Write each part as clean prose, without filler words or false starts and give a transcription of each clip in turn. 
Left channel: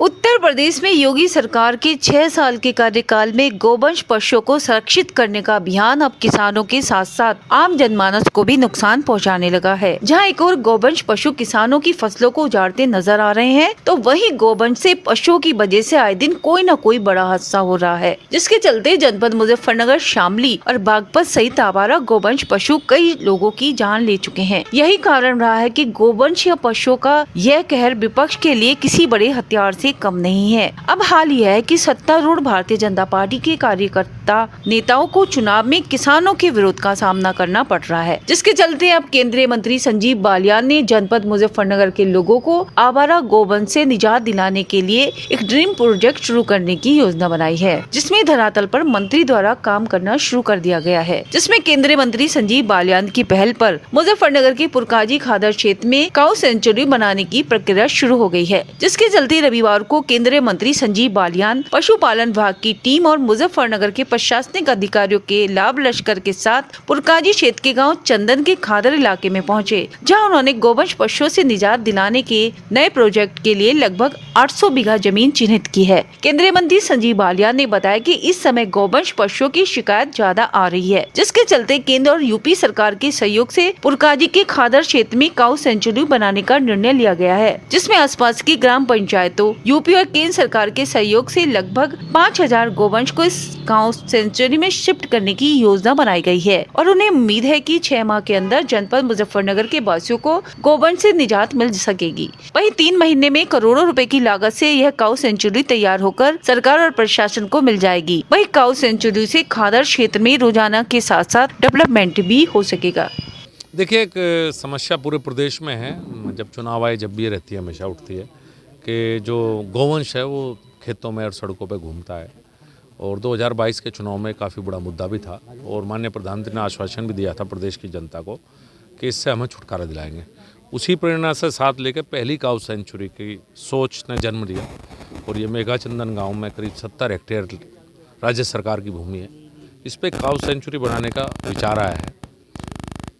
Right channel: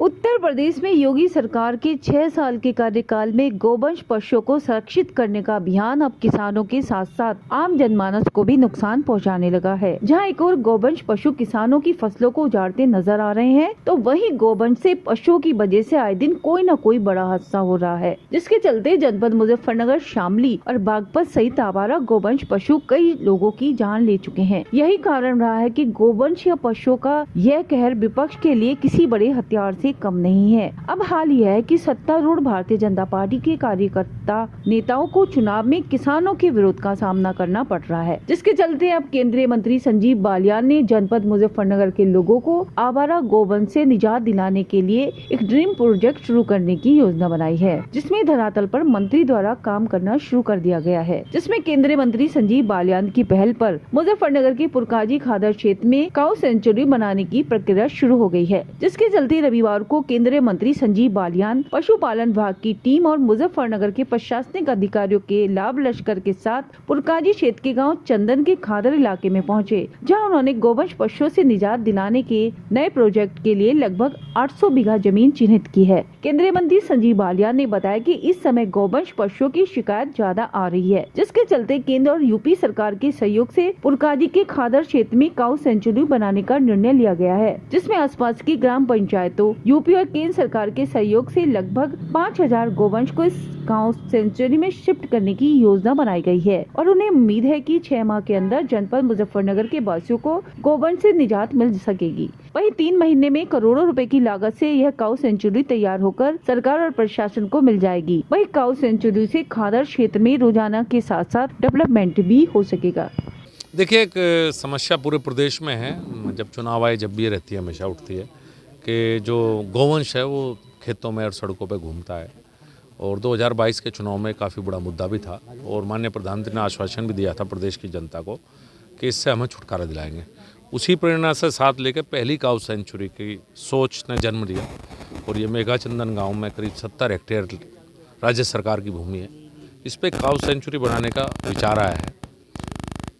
उत्तर प्रदेश में योगी सरकार के 6 साल के कार्यकाल में गोवंश पशुओं को संरक्षित करने का अभियान अब किसानों के साथ साथ आम जनमानस को भी नुकसान पहुंचाने लगा है। जहां एक और गोवंश पशु किसानों की फसलों को उजाड़ते नजर आ रहे हैं, तो वहीं गोवंश से पशुओं की वजह से आए दिन कोई न कोई बड़ा हादसा हो रहा है, जिसके चलते जनपद मुजफ्फरनगर, शामली और बागपत सहित आवारा गोवंश पशु कई लोगों की जान ले चुके हैं। यही कारण रहा है कि गोवंश या पशुओं का यह कहर विपक्ष के लिए किसी बड़े हथियार से कम नहीं है। अब हाल यह है कि सत्तारूढ़ भारतीय जनता पार्टी के कार्यकर्ता नेताओं को चुनाव में किसानों के विरोध का सामना करना पड़ रहा है, जिसके चलते अब केंद्रीय मंत्री संजीव बालियान ने जनपद मुजफ्फरनगर के लोगों को आवारा गोवंश से निजात दिलाने के लिए एक ड्रीम प्रोजेक्ट शुरू करने की योजना बनाई है, जिसमें धरातल पर मंत्री द्वारा काम करना शुरू कर दिया गया है। जिसमें केंद्रीय मंत्री संजीव बालियान की पहल पर मुजफ्फरनगर के पुरकाजी खादर क्षेत्र में काऊ सेंचुरी बनाने की प्रक्रिया शुरू हो गई है, जिसके चलते रविवार को केंद्रीय मंत्री संजीव बालियान, पशुपालन विभाग की टीम और मुजफ्फरनगर के प्रशासनिक अधिकारियों के लाभ लश्कर के साथ पुरकाजी क्षेत्र के गांव चंदन के खादर इलाके में पहुंचे, जहां उन्होंने गोवंश पशुओं से निजात दिलाने के नए प्रोजेक्ट के लिए लगभग 800 बीघा जमीन चिन्हित की है। केंद्रीय मंत्री संजीव बालियान ने बताया कि इस समय गोवंश पशुओं की शिकायत ज्यादा आ रही है, जिसके चलते केंद्र और यूपी सरकार के सहयोग से पुरकाजी के खादर क्षेत्र में काऊ सेंचुरी बनाने का निर्णय लिया गया है, जिसमें आसपास की ग्राम पंचायतों, यूपी और केंद्र सरकार के सहयोग से लगभग 5000 गोवंश को इस काऊ सेंचुरी में शिफ्ट करने की योजना बनाई गई है और उन्हें उम्मीद है कि 6 माह के अंदर जनपद मुजफ्फरनगर के वासियों को गोवंश से निजात मिल सकेगी। वहीं 3 महीने में करोड़ों रुपए की लागत से यह काऊ सेंचुरी तैयार होकर सरकार और प्रशासन को मिल जाएगी। वहीं काऊ सेंचुरी से खादर क्षेत्र में रोजाना के साथ साथ डेवलपमेंट भी हो सकेगा। देखिए, एक समस्या पूरे प्रदेश में है, जब चुनाव आए जब भी ये रहती है, हमेशा उठती है कि जो गोवंश है वो खेतों में और सड़कों पे घूमता है। और 2022 के चुनाव में काफ़ी बड़ा मुद्दा भी था और माननीय प्रधानमंत्री ने आश्वासन भी दिया था प्रदेश की जनता को कि इससे हमें छुटकारा दिलाएंगे। उसी प्रेरणा से साथ लेकर पहली काऊ सेंचुरी की सोच ने जन्म लिया और ये मेघा चंदन गाँव में करीब 70 हेक्टेयर राज्य सरकार की भूमि है। इस पर काऊ सेंचुरी बनाने का विचार आया है।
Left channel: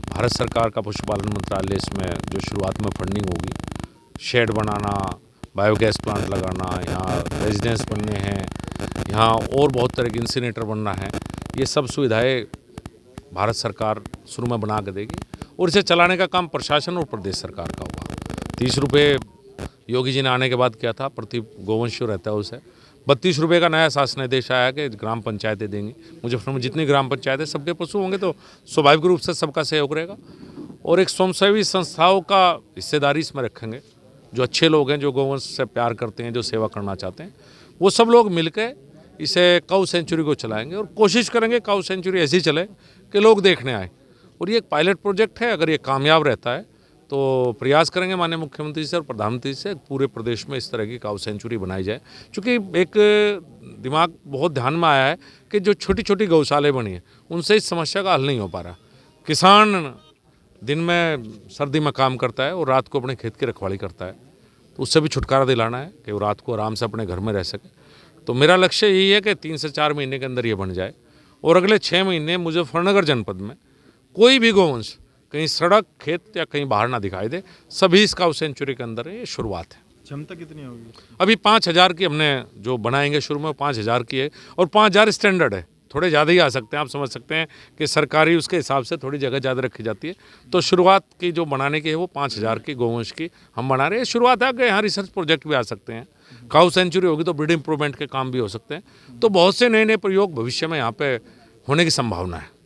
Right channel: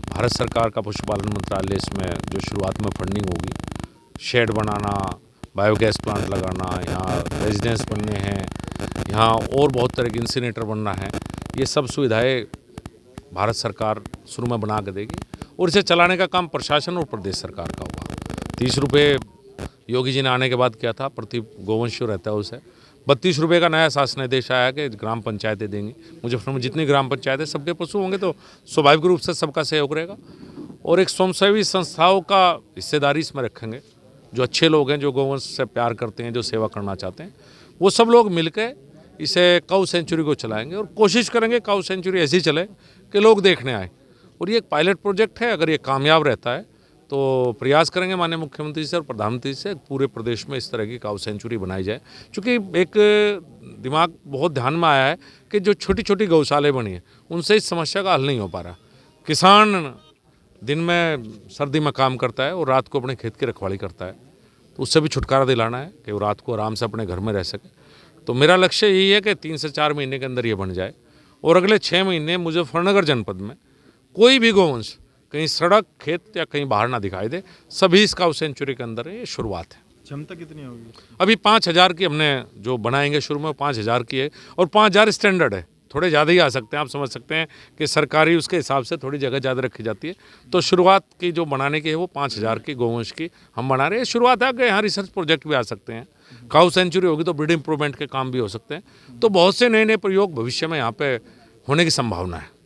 भारत सरकार का पशुपालन मंत्रालय इसमें जो शुरुआत में फंडिंग होगी, शेड बनाना, बायोगैस प्लांट लगाना, यहाँ रेजिडेंस बनने हैं, यहाँ और बहुत तरह के इंसिनेटर बनना है, ये सब सुविधाएं भारत सरकार शुरू में बना के देगी और इसे चलाने का काम प्रशासन और प्रदेश सरकार का होगा। 30 रुपये योगी जी ने आने के बाद किया था, प्रति गोवंश जो रहता है उसे 32 रुपये का नया शासन आदेश आया कि ग्राम पंचायतें देंगी। मुजफ्फरनगर में जितनी ग्राम पंचायतें सबके पशु होंगे तो स्वाभाविक रूप से सबका सहयोग रहेगा और एक स्वयंसेवी संस्थाओं का हिस्सेदारी इसमें रखेंगे। जो अच्छे लोग हैं, जो गोवंश से प्यार करते हैं, जो सेवा करना चाहते हैं, वो सब लोग मिलकर इसे काऊ सेंचुरी को चलाएंगे और कोशिश करेंगे काऊ सेंचुरी ऐसी चले कि लोग देखने आए। और ये एक पायलट प्रोजेक्ट है, अगर ये कामयाब रहता है तो प्रयास करेंगे माननीय मुख्यमंत्री से और प्रधानमंत्री से पूरे प्रदेश में इस तरह की काऊ सेंचुरी बनाई जाए। क्योंकि एक दिमाग बहुत ध्यान में आया है कि जो छोटी छोटी गौशाले बनी हैं उनसे इस समस्या का हल नहीं हो पा रहा। किसान दिन में सर्दी में काम करता है और रात को अपने खेत की रखवाली करता है, तो उससे भी छुटकारा दिलाना है कि वो रात को आराम से अपने घर में रह सके। तो मेरा लक्ष्य यही है कि 3 से 4 महीने के अंदर ये बन जाए और अगले 6 महीने मुजफ्फरनगर जनपद में कोई भी गोवंश कहीं सड़क, खेत या कहीं बाहर ना दिखाई दे। सभी इस काऊ सेंचुरी के अंदर ये शुरुआत है। क्षमता कितनी होगी? अभी 5000 की हमने जो बनाएंगे शुरू में 5000 की है और 5000 स्टैंडर्ड है, थोड़े ज़्यादा ही आ सकते हैं। आप समझ सकते हैं कि सरकारी उसके हिसाब से थोड़ी जगह ज़्यादा रखी जाती है। तो शुरुआत की जो बनाने की है वो 5000 की गोवंश की हम बना रहे हैं। शुरुआत है कि यहाँ रिसर्च प्रोजेक्ट भी आ सकते हैं। काऊ सेंचुरी होगी तो ब्रीड इम्प्रूवमेंट के काम भी हो सकते हैं। तो बहुत से नए नए प्रयोग भविष्य में यहाँ पे होने की संभावना है।